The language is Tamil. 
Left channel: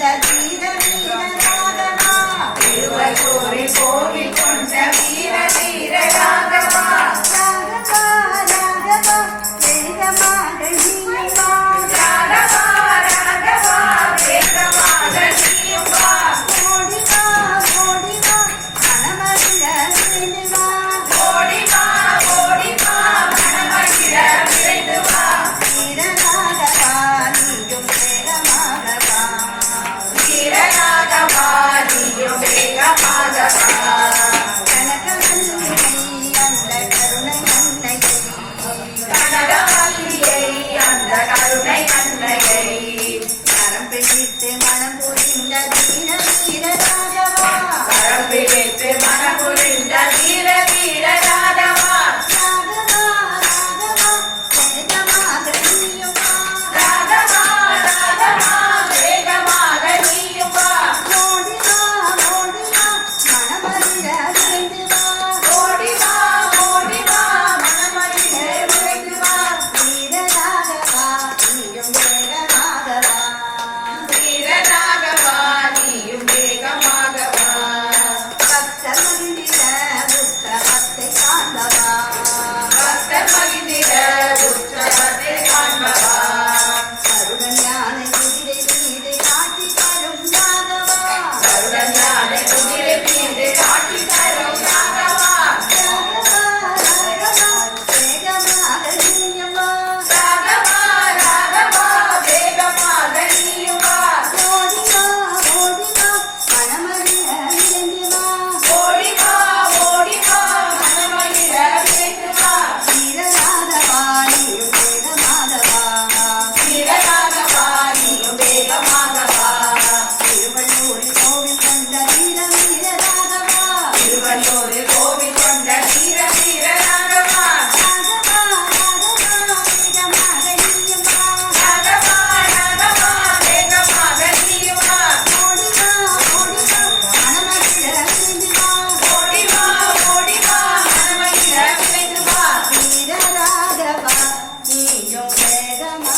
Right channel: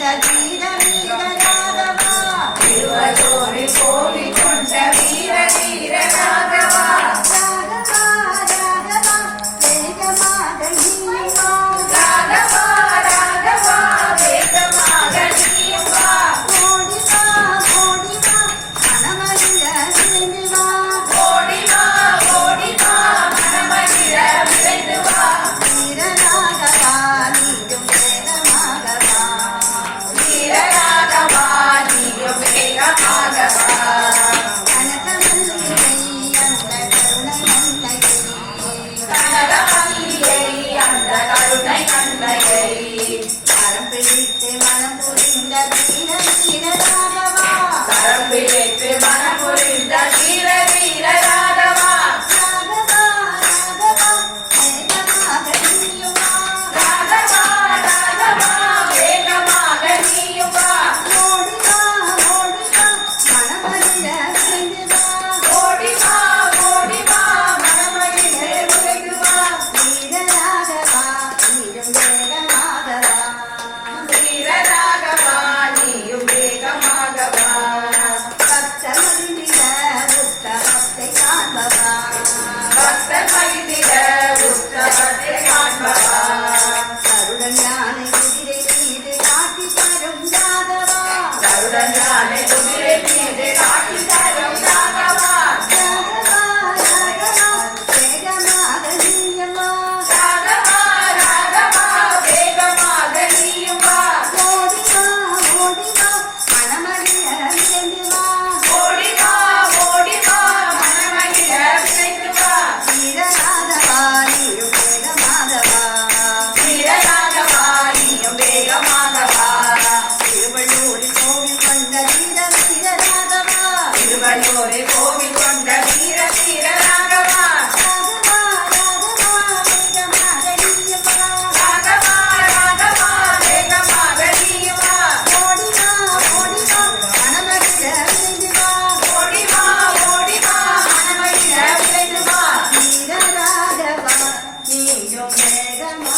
கொண்ட வீர வீர ராகவா திருவள்ளூரில் கோவில் கொண்ட வீர வீர ராகவா ராகவா ராகவா வேகமாக நீயும் வா ராகவா ராகவா வேகமாக நீயும் வா ஓடி வா மனமகிழ விரைந்து வா ஓடி வா மனமகிழ விரைந்து வா வீர ராகவா நீயும் வேகமாக வா வீர ராகவா நீயும் வேகமாக வா கனகமல்லிகை அந்த கருணை அன்னையை கனகமல்லியை அந்த கருணை அன்னையை கரம் பிடித்து மனம் புரிந்த வீர வீர ராகவா கரம் பிடித்து மனமுறிந்த வீர வீர ராகவா ராகவா ராகவா வேகமாக நீயும் வா ராகவா ராகவா வேகமாக நீயும் வா ஓடி வா மனமகிழ விரைந்து வா ஓடி வா மனமகிழ விரைந்து வா வீர ராகவா நீயும் வேகமாக வா வீர ராகவா நீயும் வேகமாக வா பக்த மந்திர உத்தமத்தை காண்பவா பக்தர் மகிழ்ந்திட உற்சவத்தை காண்பவா கருடன் யானை குதிரை மீது காட்டி தரும் ராகவா கருடன் யானை குதிரை மீது காட்டி தரும் ராகவா ராகவா ராகவா வேகமாக நீயவா ராகவா ராகவா வேகமாக நீயும் வா ஓடி வா மனமகிழ விரைந்து வா ஓடி வா மனமகிழ விரைந்து வா வீர ராகவா நீயும் வேகமாக வா வீர ராகவா நீயும் வேகமாக வா திருவள்ளூரில் கோவில் கொண்ட வீர வீர ராகவா திருவள்ளூரில் கோவில் கொண்ட வீர வீர ராகவா ராகவா ராகவா வேகமாக நீயும் வா ராகவா ராகவா வேகமாக நீயும் வா ஓடி வா மனமகிழ விரைந்து வா ஓடி வா மனமகிழ விரைந்து வா வீர ராகவா நீயும் வேகமாக